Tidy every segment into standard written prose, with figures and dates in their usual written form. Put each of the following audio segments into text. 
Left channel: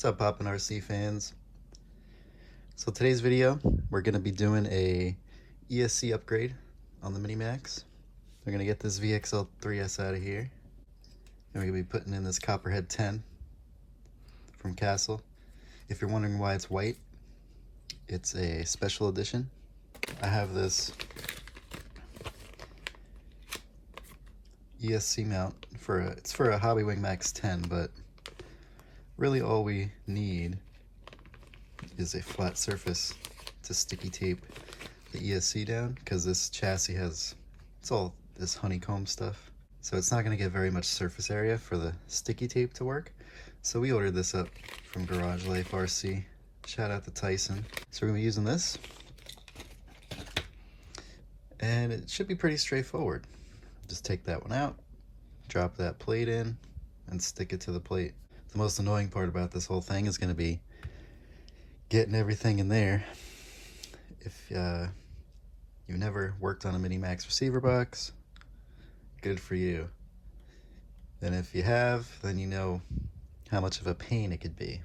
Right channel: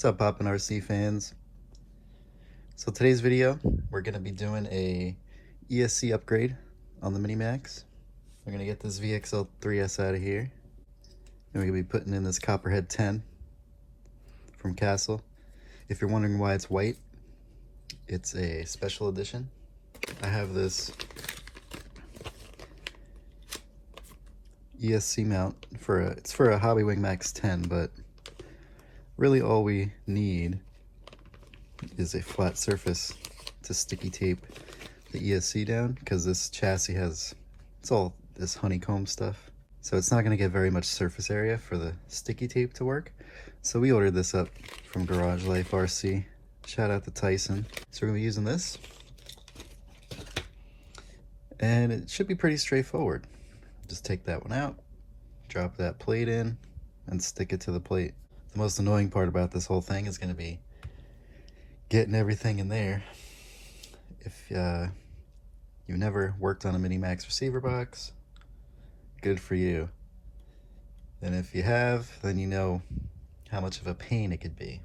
What's up, Poppin' RC fans? So today's video, we're gonna be doing a ESC upgrade on the Mini Maxx. We're gonna get this VXL3S out of here, and we're gonna be putting in this Copperhead 10 from Castle. If you're wondering why it's white, it's a special edition. I have this ESC mount it's for a Hobbywing Maxx 10, but really all we need is a flat surface to sticky tape the ESC down, because this chassis it's all this honeycomb stuff, so it's not going to get very much surface area for the sticky tape to work. So we ordered this up from Garage Life RC. Shout out to Tyson. So we're going to be using this, and it should be pretty straightforward. Just take that one out, drop that plate in, and stick it to the plate. The most annoying part about this whole thing is going to be getting everything in there. If you've never worked on a Mini Maxx receiver box, good for you. And if you have, then you know how much of a pain it could be.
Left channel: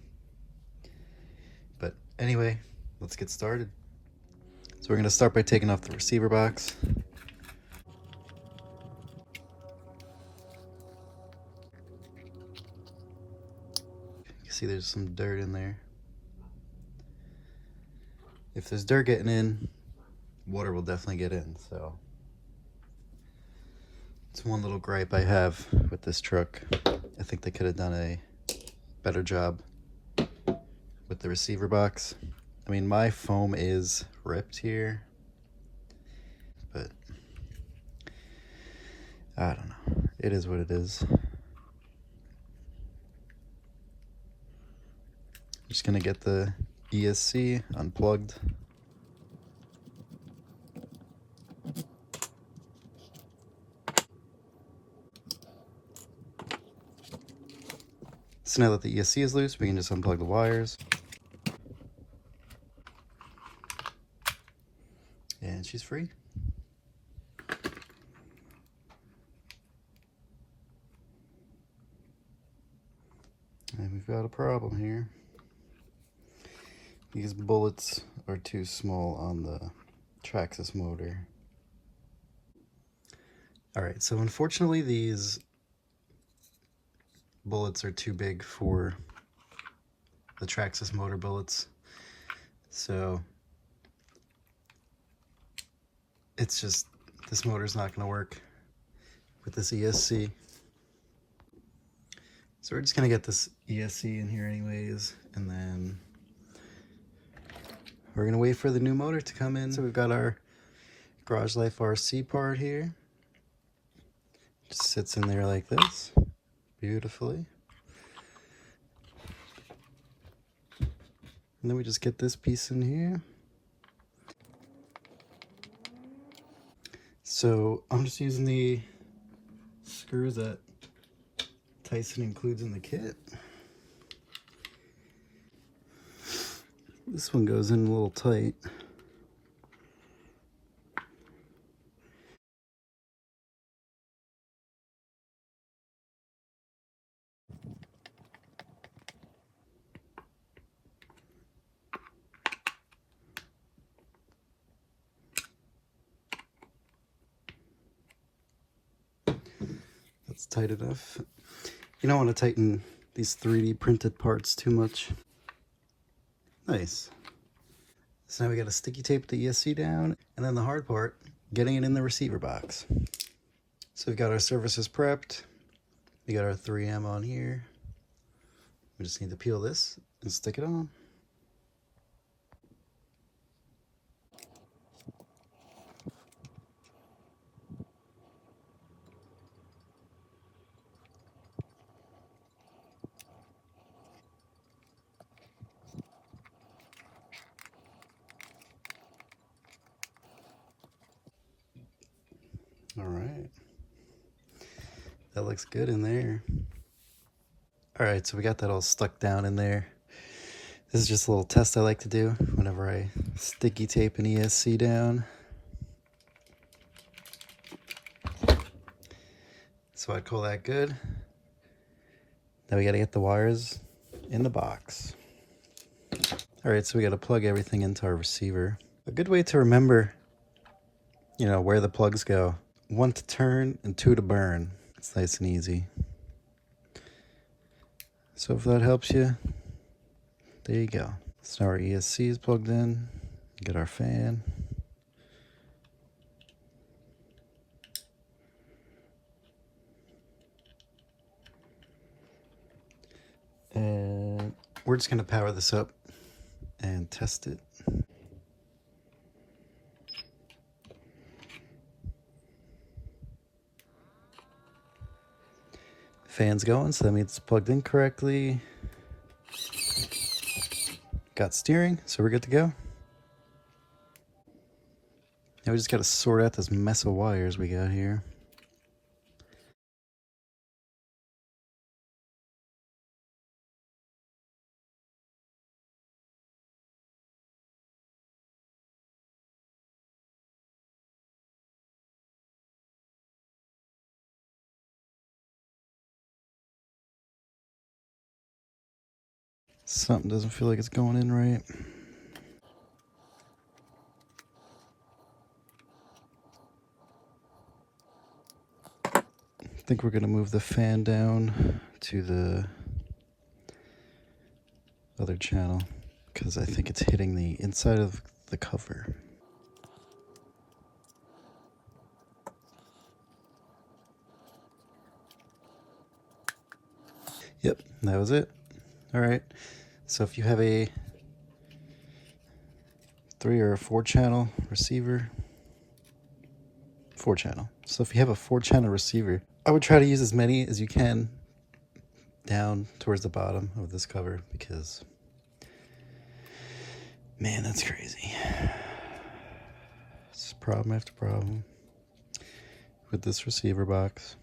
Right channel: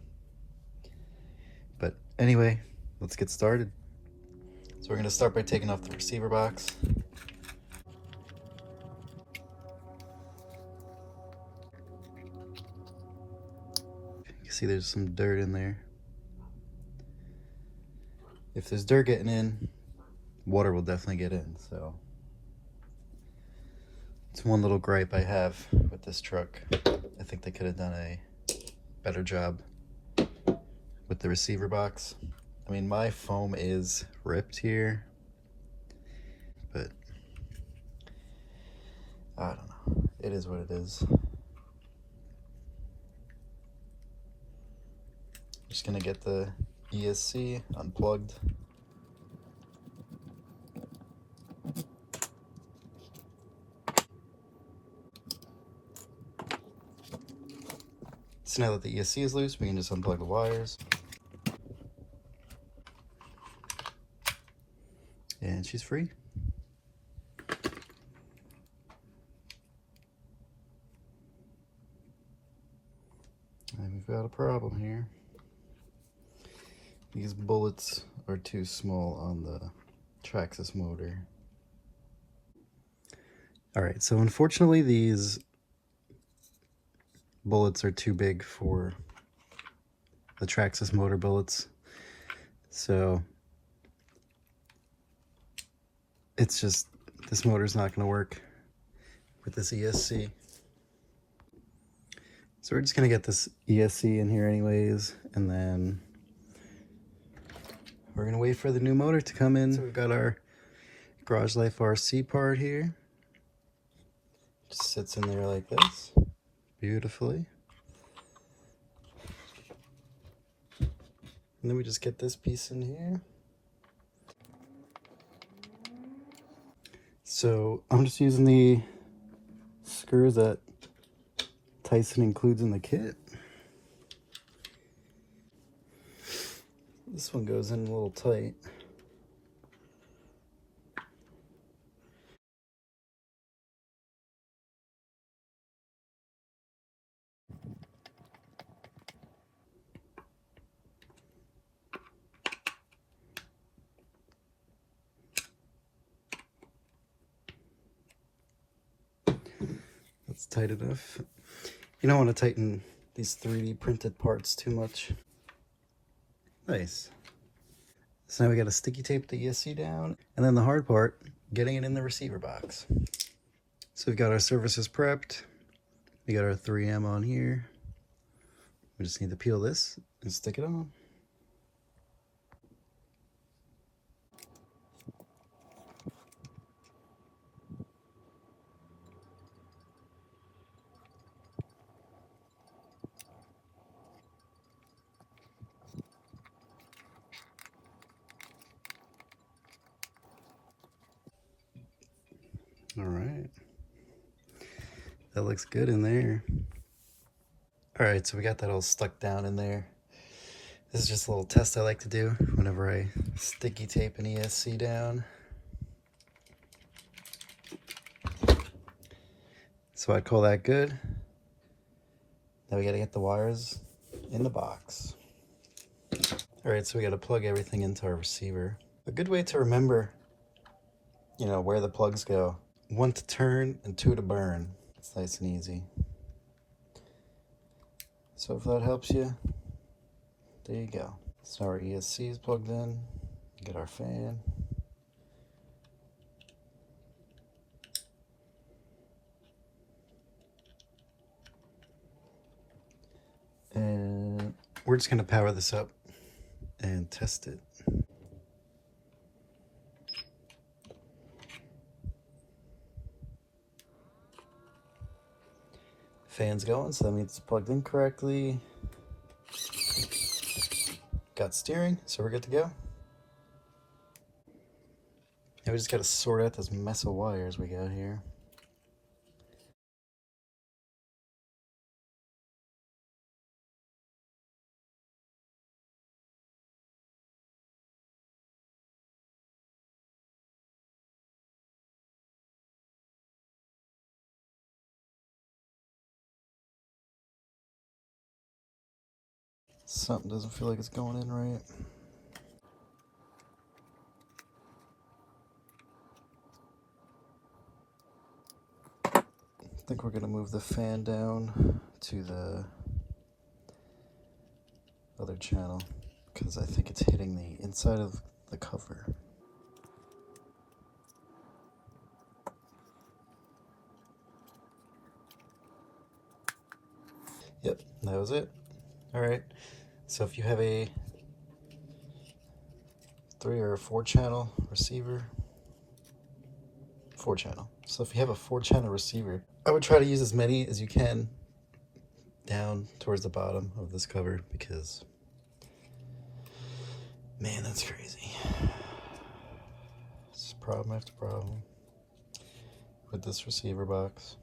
But anyway, let's get started. So we're going to start by taking off the receiver box. You see there's some dirt in there. If there's dirt getting in, water will definitely get in. So it's one little gripe I have with this truck. I think they could have done a better job with the receiver box. I mean, my foam is ripped here, but I don't know. It is what it is. I'm just gonna get the ESC unplugged. So now that the ESC is loose, we can just unplug the wires. And she's free. And we've got a problem here. These bullets are too small on the Traxxas motor. Alright, so unfortunately these bullets are too big for the Traxxas motor bullets. So it's just, this motor's not going to work with this ESC. So we're just going to get this ESC in here anyways, and then we're going to wait for the new motor to come in. So we've got our Garage Life RC part here. Just sits in there like this, beautifully. And then we just get this piece in here. So I'm just using the screws that Tyson includes in the kit. This one goes in a little tight. That's tight enough. You don't want to tighten these 3D printed parts too much. Nice. So now we got to sticky tape the ESC down, and then the hard part, getting it in the receiver box. So we've got our surfaces prepped. We got our 3M on here. We just need to peel this and stick it on. All right, that looks good in there. All right, so we got that all stuck down in there. This is just a little test I like to do whenever I sticky tape an ESC down. So I'd call that good. Now we gotta get the wires in the box. All right, so we got to plug everything into our receiver. A good way to remember, you know, where the plugs go. 1 to turn and 2 to burn. It's nice and easy. So if that helps you, there you go. So our ESC is plugged in. Get our fan. And we're just going to power this up and test it. Fan's going, so that means it's plugged in correctly. Got steering, so we're good to go. Now we just got to sort out this mess of wires we got here. Something doesn't feel like it's going in right. I think we're going to move the fan down to the other channel because I think it's hitting the inside of the cover. Yep, that was it. All right, so if you have a 3 or a 4 channel receiver, 4 channel. So if you have a 4 channel receiver, I would try to use as many as you can down towards the bottom of this cover because, man, that's crazy. It's problem after problem with this receiver box.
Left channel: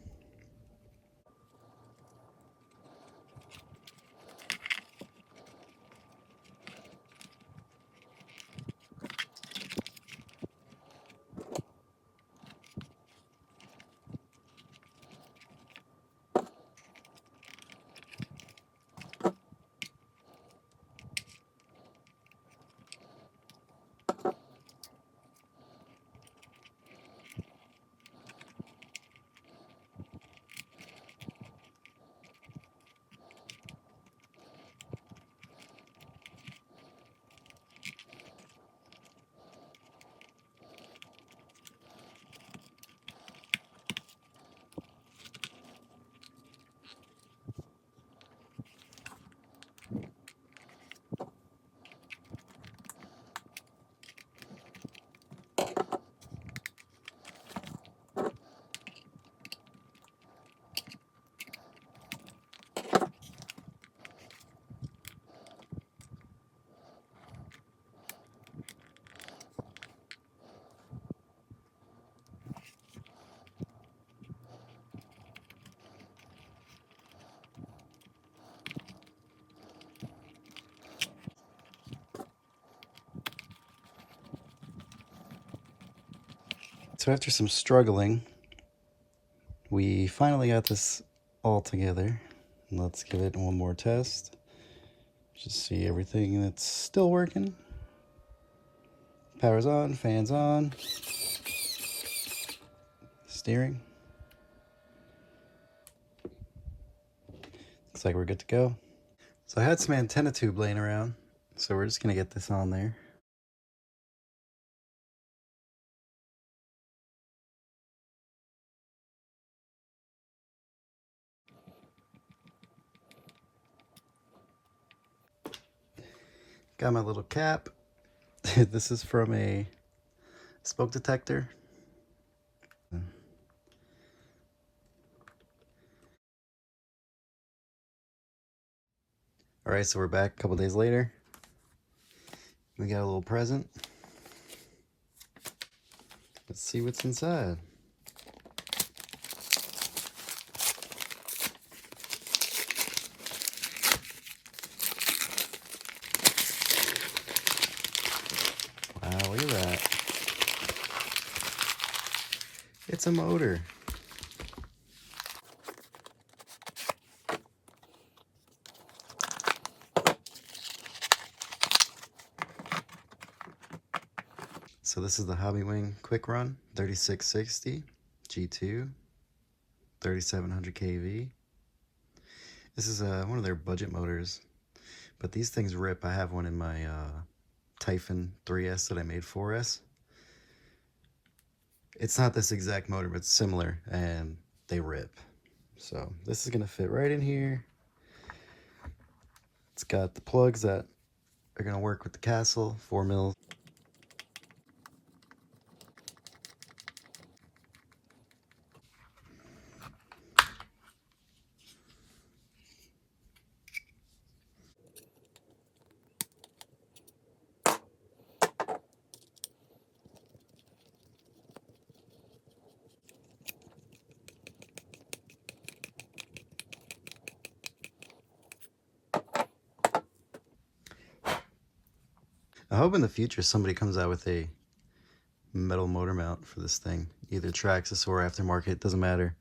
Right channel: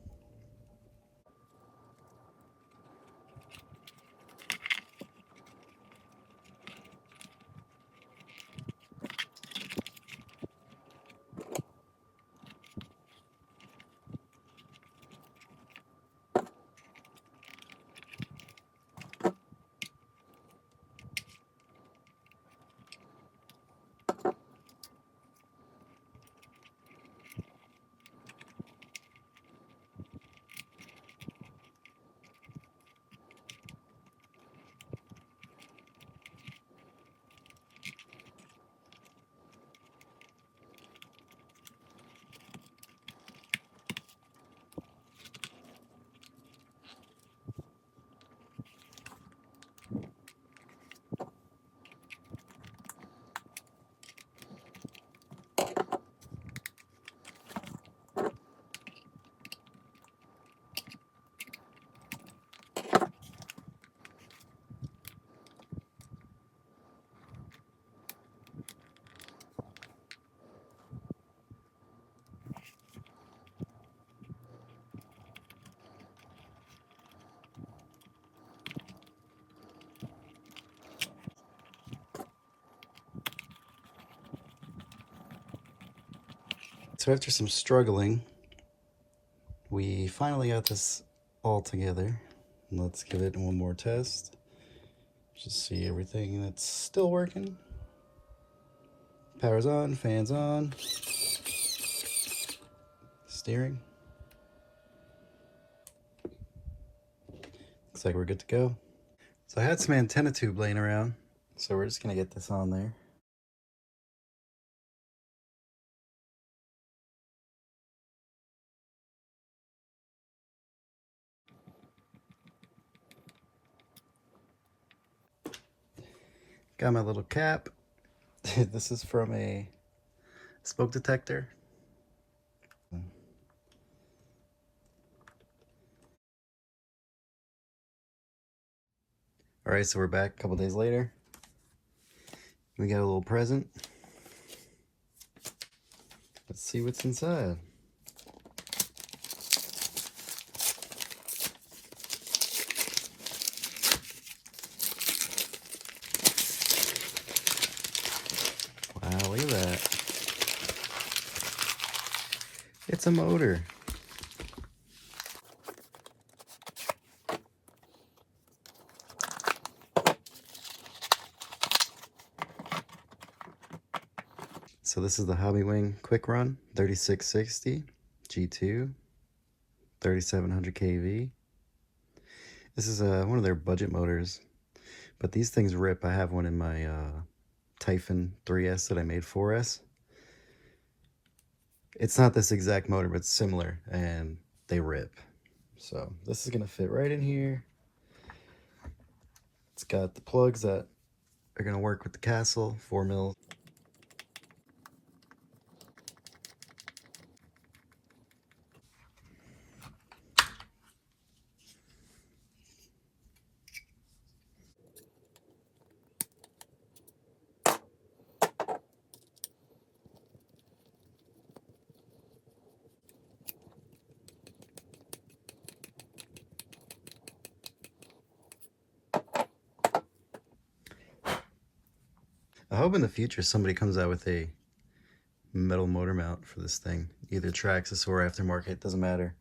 So after some struggling, we finally got this all together. Let's give it one more test. Just see everything that's still working. Power's on, fan's on. Steering. Looks like we're good to go. So I had some antenna tube laying around, so we're just gonna get this on there. Got my little cap. This is from a smoke detector. All right, so we're back a couple days later. We got a little present. Let's see what's inside. Wow, look at that. It's a motor. So this is the Hobbywing Quick Run 3660 G2 3700 kV. This is one of their budget motors, but these things rip. I have one in my Typhon 3S that I made 4S. It's not this exact motor, but it's similar, and they rip. So this is gonna fit right in here. It's got the plugs that are gonna work with the castle, 4 mils. I hope in the future somebody comes out with a metal motor mount for this thing, either Traxxas or aftermarket, doesn't matter.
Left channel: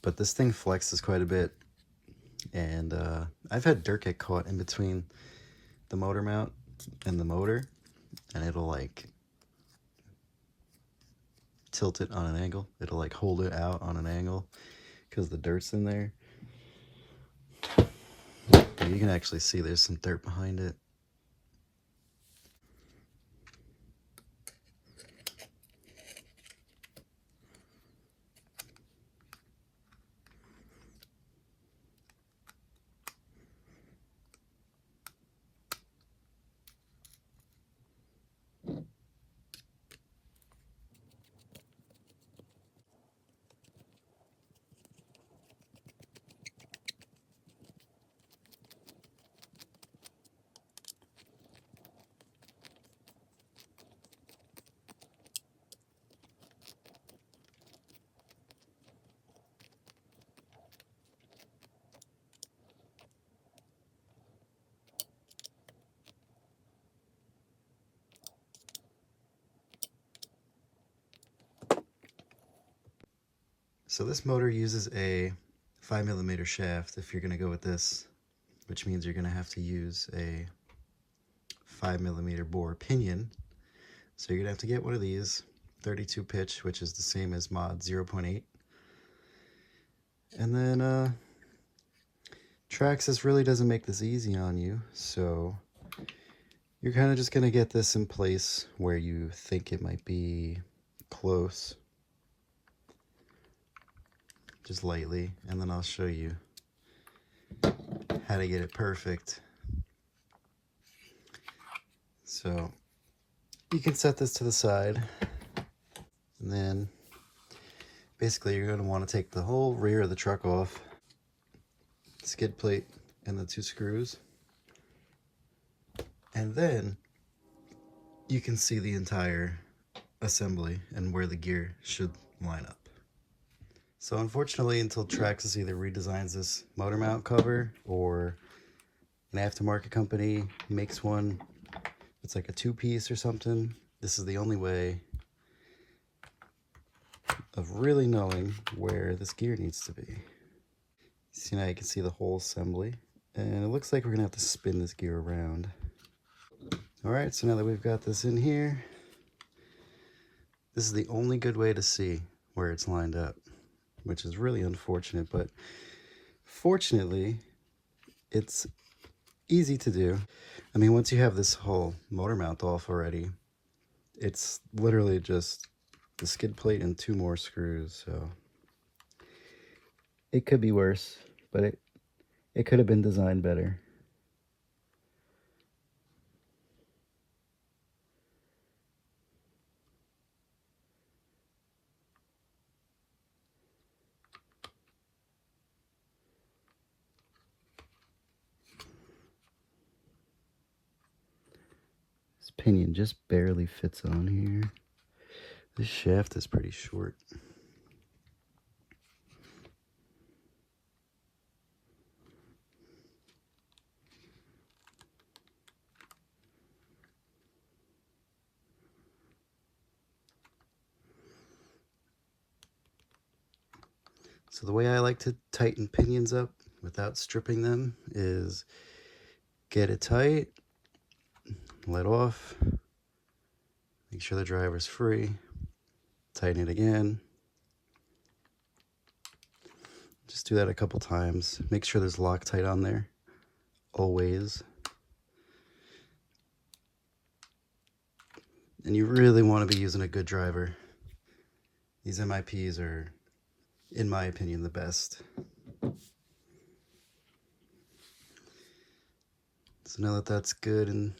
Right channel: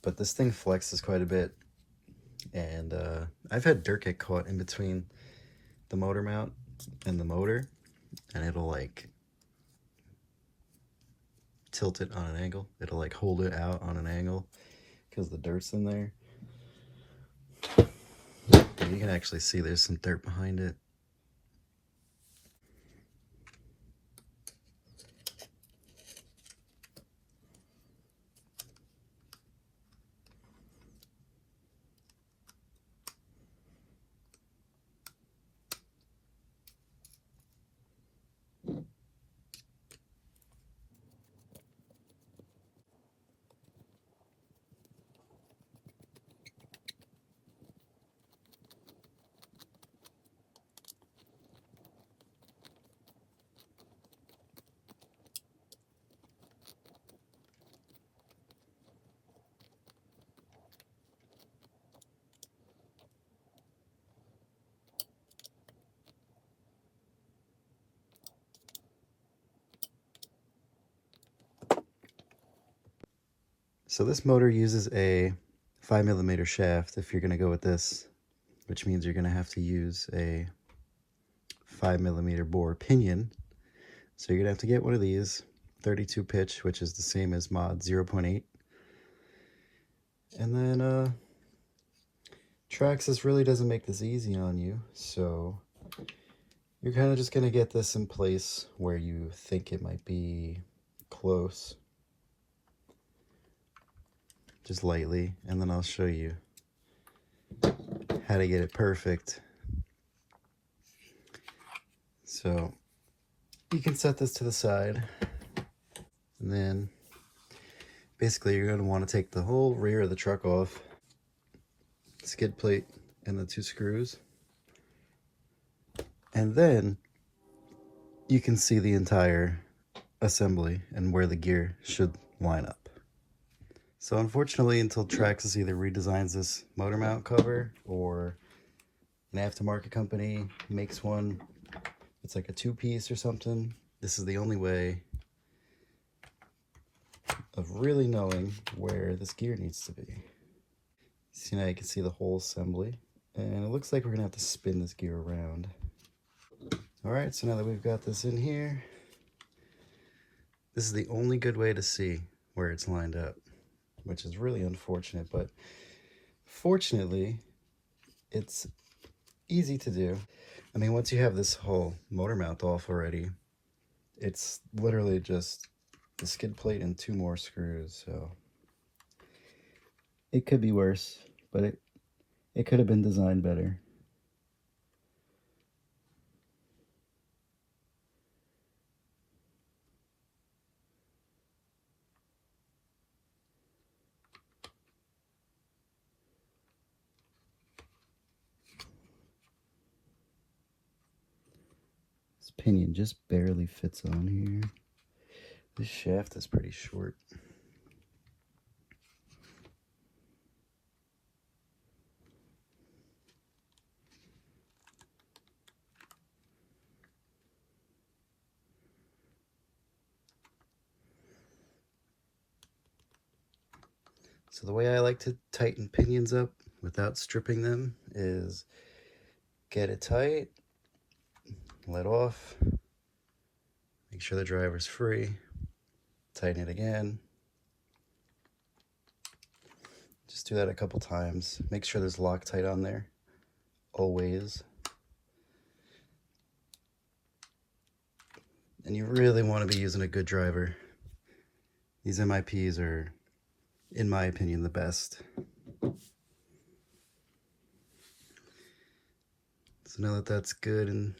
But this thing flexes quite a bit, and I've had dirt get caught in between the motor mount and the motor, and it'll like tilt it on an angle. It'll like hold it out on an angle because the dirt's in there. And you can actually see there's some dirt behind it. So this motor uses a 5mm shaft if you're going to go with this, which means you're going to have to use a 5mm bore pinion. So you're going to have to get one of these, 32 pitch, which is the same as mod 0.8. And then Traxxas really doesn't make this easy on you, so you're kind of just going to get this in place where you think it might be close. Just lightly, and then I'll show you how to get it perfect. So you can set this to the side, and then basically you're going to want to take the whole rear of the truck off, skid plate and the 2 screws, and then you can see the entire assembly and where the gear should line up. So unfortunately, until Traxxas either redesigns this motor mount cover or an aftermarket company makes one, it's like a 2-piece or something, this is the only way of really knowing where this gear needs to be. See, now you can see the whole assembly, and it looks like we're gonna have to spin this gear around. All right, so now that we've got this in here, this is the only good way to see where it's lined up, which is really unfortunate, but fortunately, it's easy to do. I mean, once you have this whole motor mount off already, it's literally just the skid plate and 2 more screws, so it could be worse, but it could have been designed better. This pinion just barely fits on here. This shaft is pretty short. So the way I like to tighten pinions up without stripping them is get it tight, let off, Make sure the driver's free. Tighten it again. Just do that a couple times. Make sure there's Loctite on there, always. And you really want to be using a good driver. These MIPs are, in my opinion, the best. So now that that's good and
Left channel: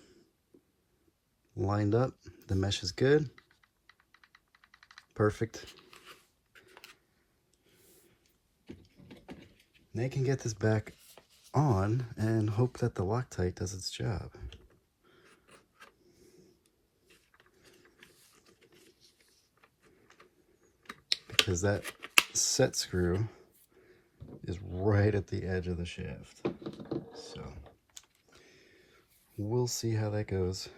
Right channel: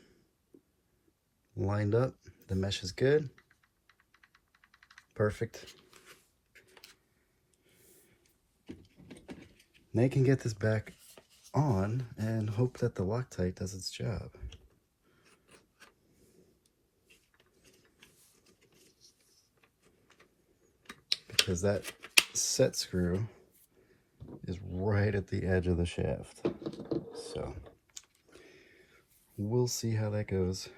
lined up, the mesh is good. Perfect. Now you can get this back on and hope that the Loctite does its job. Because that set screw is right at the edge of the shaft. So we'll see how that goes.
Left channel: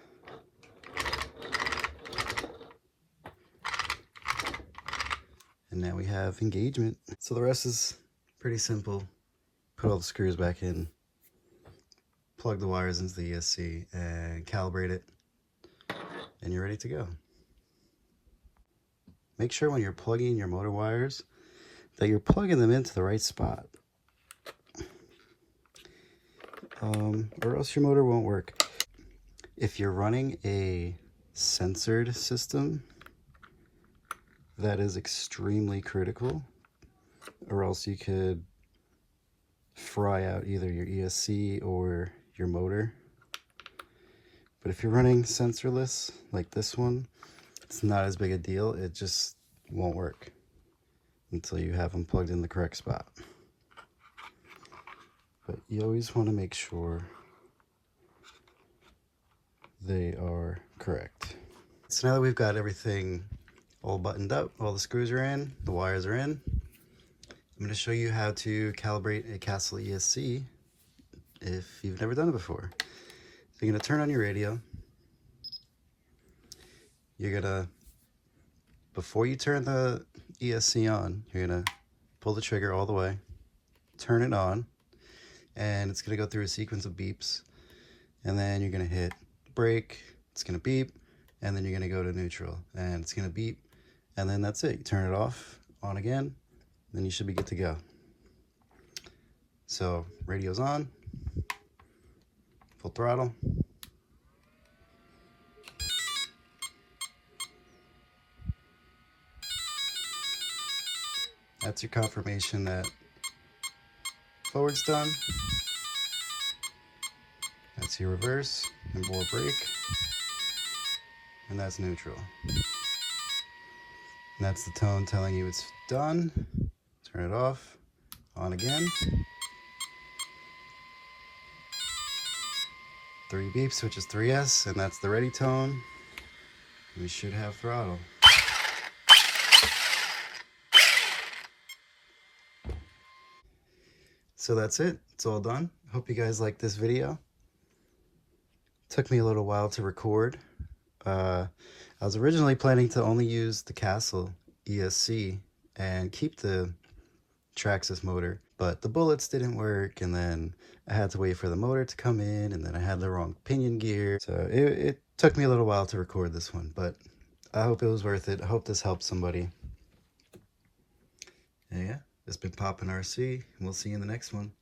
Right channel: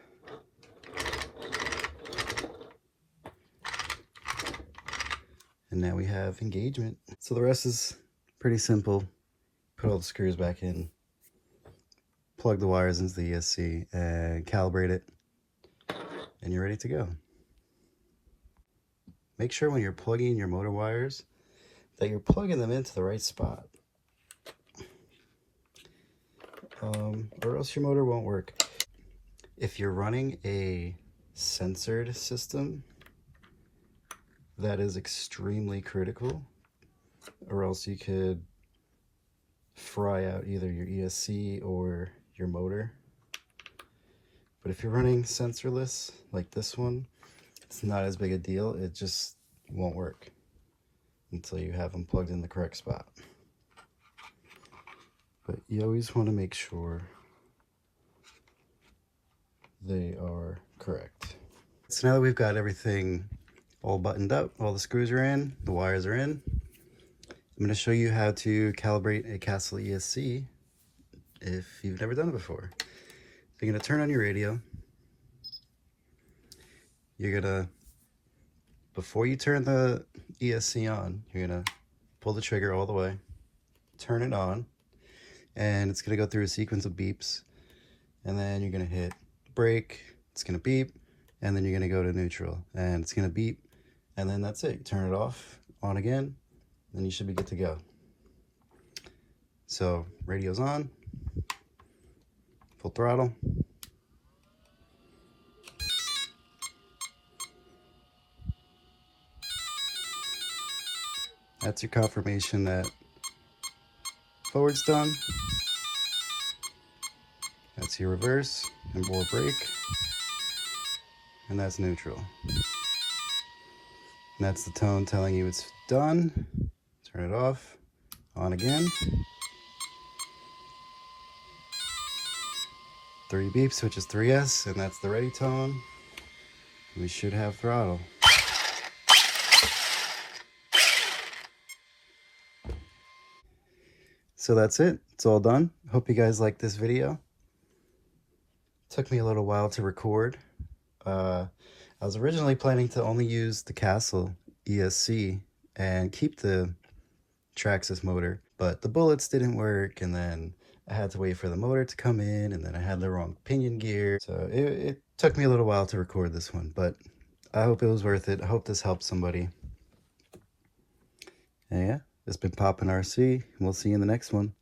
And now we have engagement. So the rest is pretty simple. Put all the screws back in, plug the wires into the ESC, and calibrate it, and you're ready to go. Make sure when you're plugging your motor wires that you're plugging them into the right spot, or else your motor won't work. If you're running a censored system, that is extremely critical, or else you could fry out either your ESC or your motor. But if you're running sensorless like this one, it's not as big a deal. It just won't work until you have them plugged in the correct spot. But you always want to make sure they are correct. So now that we've got everything all buttoned up, all the screws are in, the wires are in, I'm going to show you how to calibrate a Castle ESC if you've never done it before. So you're going to turn on your radio. You're going to, before you turn the ESC on, you're going to pull the trigger all the way, turn it on, and it's going to go through a sequence of beeps. And then you're going to hit brake, it's going to beep, and then you're going to go to neutral, and it's going to beep, and then that's it. You turn it off, on again, then you should be good to go. So radio's on, full throttle. That's your confirmation that forward's done. That's your reverse and more brake. And that's neutral. And that's the tone telling you it's done. Turn it off, on again. 3 beeps, which is 3S, and that's the ready tone. We should have throttle. So that's it, it's all done. Hope you guys liked this video. Took me a little while to record. I was originally planning to only use the Castle ESC and keep the Traxxas motor, but the bullets didn't work, and then I had to wait for the motor to come in, and then I had the wrong pinion gear. So it took me a little while to record this one, but I hope it was worth it. I hope this helped somebody. And yeah, it's been Poppin' RC, and we'll see you in the next one.